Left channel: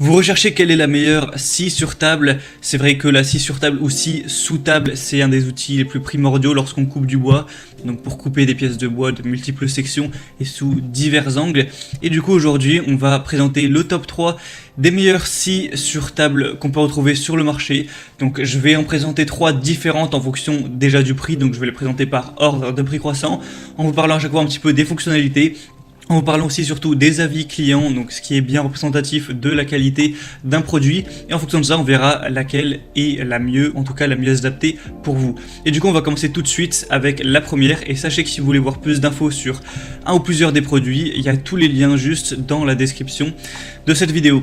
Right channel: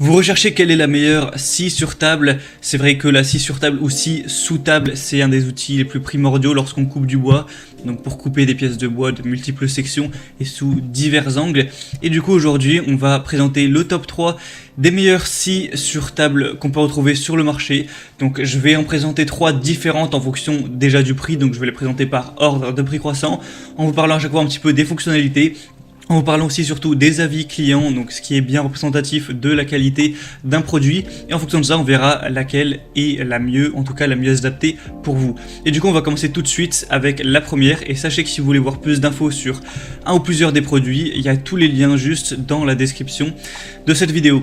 Vous recherchez quelle est la meilleure scie sur table. C'est vrai que la scie sur table ou scie sous table, c'est un des outils les plus primordiaux lorsqu'on coupe du bois. Donc pour couper des pièces de bois de multiples sections et sous divers angles. Et du coup aujourd'hui, on va présenter le top 3 des meilleures scies sur table qu'on peut retrouver sur le marché. Donc je vais en présenter 3 différentes en fonction déjà du prix. Donc je vais les présenter par ordre de prix croissant. On vous parlera à chaque fois un petit peu des fonctionnalités. En vous parlant aussi surtout des avis clients, donc ce qui est bien représentatif de la qualité d'un produit. Et en fonction de ça, on verra laquelle est la mieux, en tout cas la mieux adaptée pour vous. Et du coup, on va commencer tout de suite avec la première. Et sachez que si vous voulez voir plus d'infos sur un ou plusieurs des produits, il y a tous les liens juste dans la description de cette vidéo.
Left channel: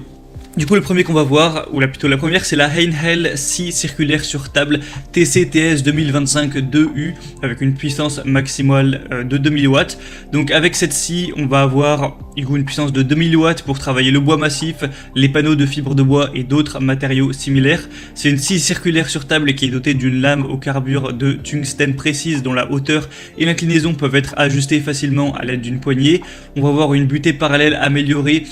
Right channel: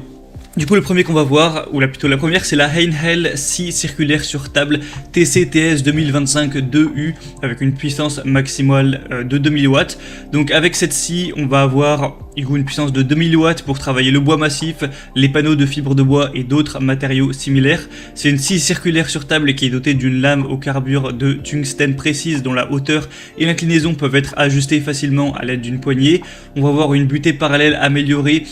Du coup, le premier qu'on va voir, ou plutôt la première, c'est la Heinhell scie circulaire sur table TCTS 2025 2U avec une puissance maximale de 2000 watts. Donc avec cette scie, on va avoir une puissance de 2000 watts pour travailler le bois massif, les panneaux de fibres de bois et d'autres matériaux similaires. C'est une scie circulaire sur table qui est dotée d'une lame au carbure de tungstène précise dont la hauteur et l'inclinaison peuvent être ajustées facilement à l'aide d'une poignée. On va avoir une butée parallèle améliorée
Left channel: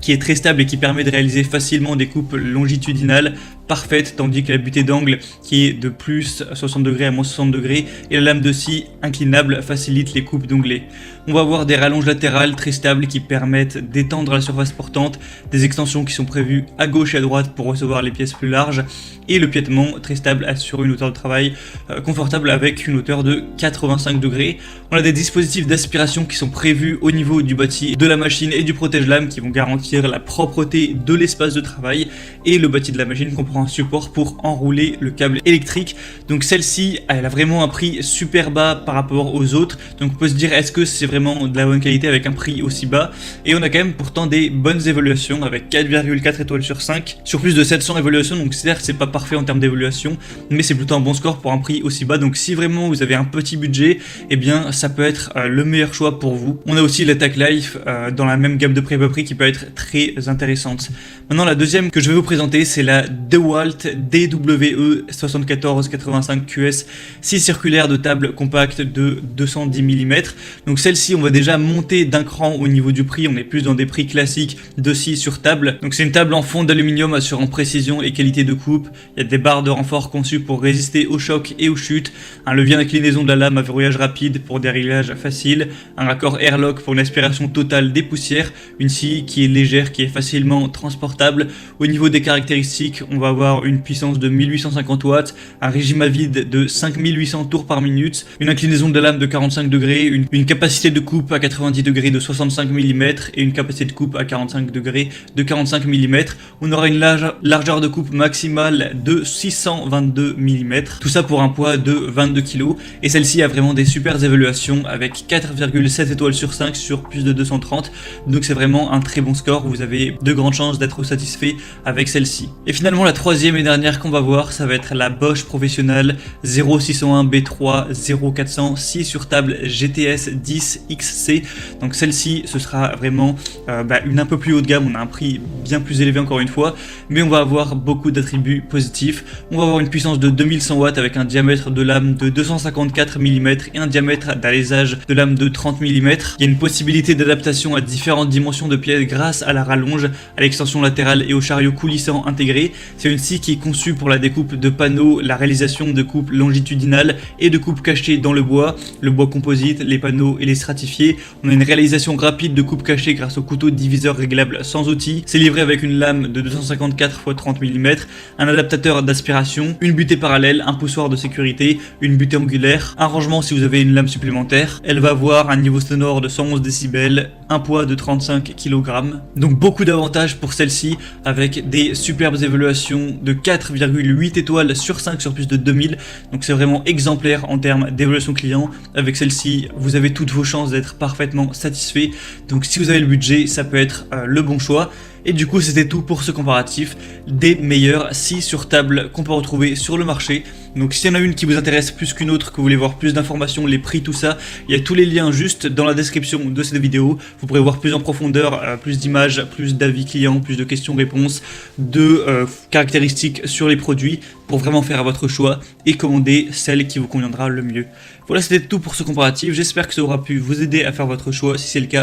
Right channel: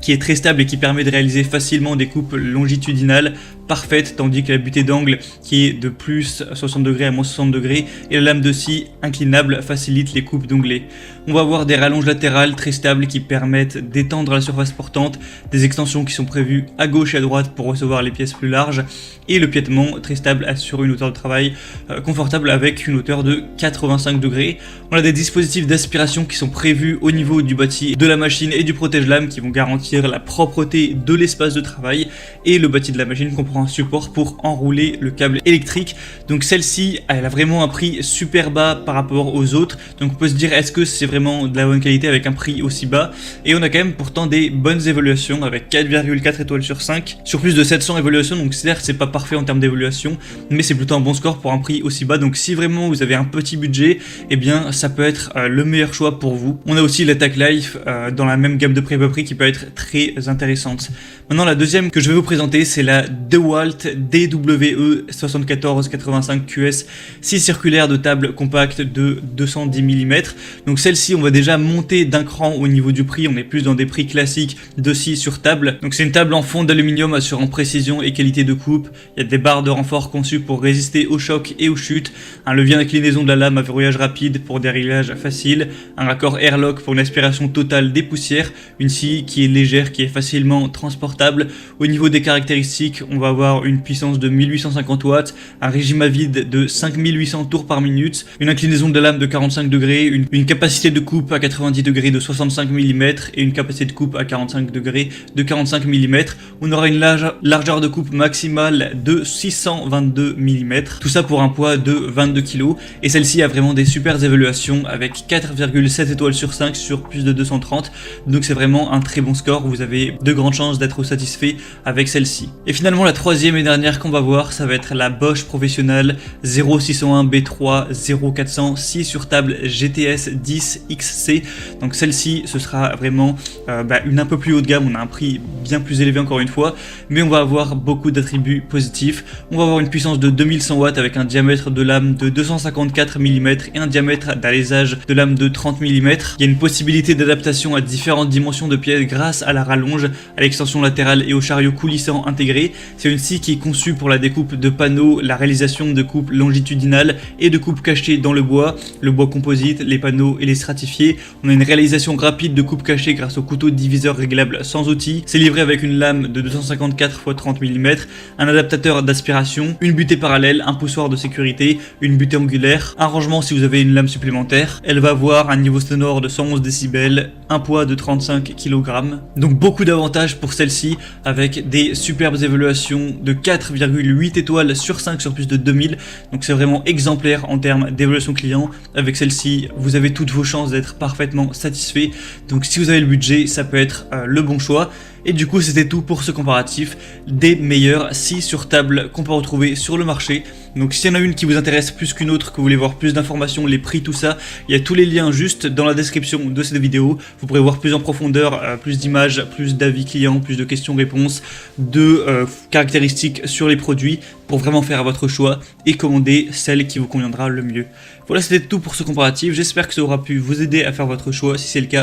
qui est très stable et qui permet de réaliser facilement des coupes longitudinales parfaites, tandis que la butée d'angle qui est de plus 60 degrés à moins 60 degrés et la lame de scie inclinable facilite les coupes d'onglets. On va avoir des rallonges latérales très stables qui permettent d'étendre la surface portante, des extensions qui sont prévues à gauche et à droite pour recevoir les pièces plus larges et le piétement très stable assure une hauteur de travail confortable avec une hauteur de 85 degrés. On a des dispositifs d'aspiration qui sont prévus au niveau du bâti de la machine et du protège-lame qui vont garantir la propreté de l'espace de travail, et le bâti de la machine comprend un support pour enrouler le câble électrique. Donc celle-ci, elle a vraiment un prix super bas par rapport aux autres. Donc on peut se dire, est-ce que c'est vraiment de la bonne qualité avec un prix aussi bas? Et on a quand même pourtant des bonnes évaluations avec 4,4 étoiles sur 5 sur plus de 700 évaluations. Donc certes, c'est pas parfait en termes d'évaluation, mais c'est plutôt un bon score pour un prix aussi bas. Donc si vraiment vous avez un petit budget, eh bien ça peut être le meilleur choix pour vous. On a aussi la Tech Life dans la même gamme de prix bas prix qui peut être très intéressante. Maintenant, la deuxième que je vais vous présenter, c'est la DeWalt DWE 7485 QS, scie circulaire de table compacte de 210 mm. Donc celle-ci, on va déjà monter d'un cran au niveau du prix. On est plus dans des prix classiques de scie sur table. Donc c'est une table en fond d'aluminium assurant précision et qualité de coupe. Il y a des barres de renfort conçues pour résister aux chocs et aux chutes. Un levier d'inclinaison de la lame à verrouillage rapide pour des réglages faciles. Un raccord airlock pour une aspiration totale des poussières. Une scie qui est légère, qui est facilement transportable. Au niveau des caractéristiques, on va avoir une puissance de 1850 watts, un régime à vide de 5800 tours par minute, une inclinaison de la lame de 45 degrés, une capacité de coupe à 90 degrés de 65 mm et une capacité de coupe à 45 degrés de 45 mm. On aura une largeur de coupe maximale de 622 mm. Tout ça pour un poids de 22 kg. Et celle-ci a vraiment des super évaluations avec 4,7 étoiles sur 5 sur plus de 230. Donc c'est vraiment un très bon score. Vous avez de grandes chances d'être satisfait avec celle-ci. Et finalement, la troisième et dernière qu'on va voir, ça va être la Bosch Professionnal 0601 B3 0400 scie sur table GTS 10 XC. Donc celle-ci, ce sera vraiment une un peu plus haut de gamme. On a un prix bien plus élevé encore une fois, mais on va avoir beaucoup d'attributs positifs. On va avoir une puissance de 2100 watts avec un diamètre de lame de 254 mm et un diamètre d'alésage de lame de 30 mm. Il y a une possibilité d'adaptation à différentes dimensions de pièces grâce à la rallonge, à l'extension latérale et au chariot coulissant intégré. C'est une scie qui est conçue pour la découpe de panneaux, la réalisation de coupes longitudinales et de coupes cachées dans le bois composite, les panneaux et les stratifiés. On a une réalisation rapide de coupes cachées grâce au couteau diviseur réglable sans outil. C'est livré avec une lame de 254 x 30 mm, un adaptateur d'aspiration, une butée parallèle, un poussoir de sécurité, une butée angulaire, un rangement si vous avez une lame supplémentaire. Elle va avoir un niveau sonore de 111 décibels, un poids de 35 kg. Donc beaucoup d'avantages pour celle-ci avec des superbes évaluations de 4,8 étoiles sur 5 sur plus de 2000. Donc c'est vraiment exemplaire en termes d'évaluation client. Avec celle-ci, vous avez toutes vos chances d'être parfaitement satisfait. Donc si vous avez le budget, ça peut être le bon choix. Et du coup, c'était tout pour ce comparatif des meilleures scies sur table qu'on peut retrouver sur le marché. Donc s'il y en a une qui vous intéresse plus qu'une autre, que vous voulez voir plus d'informations, les prix, tout ça, il y a tous les liens juste dans la description de cette vidéo. Vous pourrez voir plus en profondeur, plus d'images, plus d'avis clients, plus de questions-réponses, de caractéristiques sur les produits pour vraiment faire votre choix et commander celle qui vous conviendra le mieux. Voilà, c'était tout pour ce comparatif. J'espère que ça aura pu vous aider à faire votre choix. Si c'est le cas,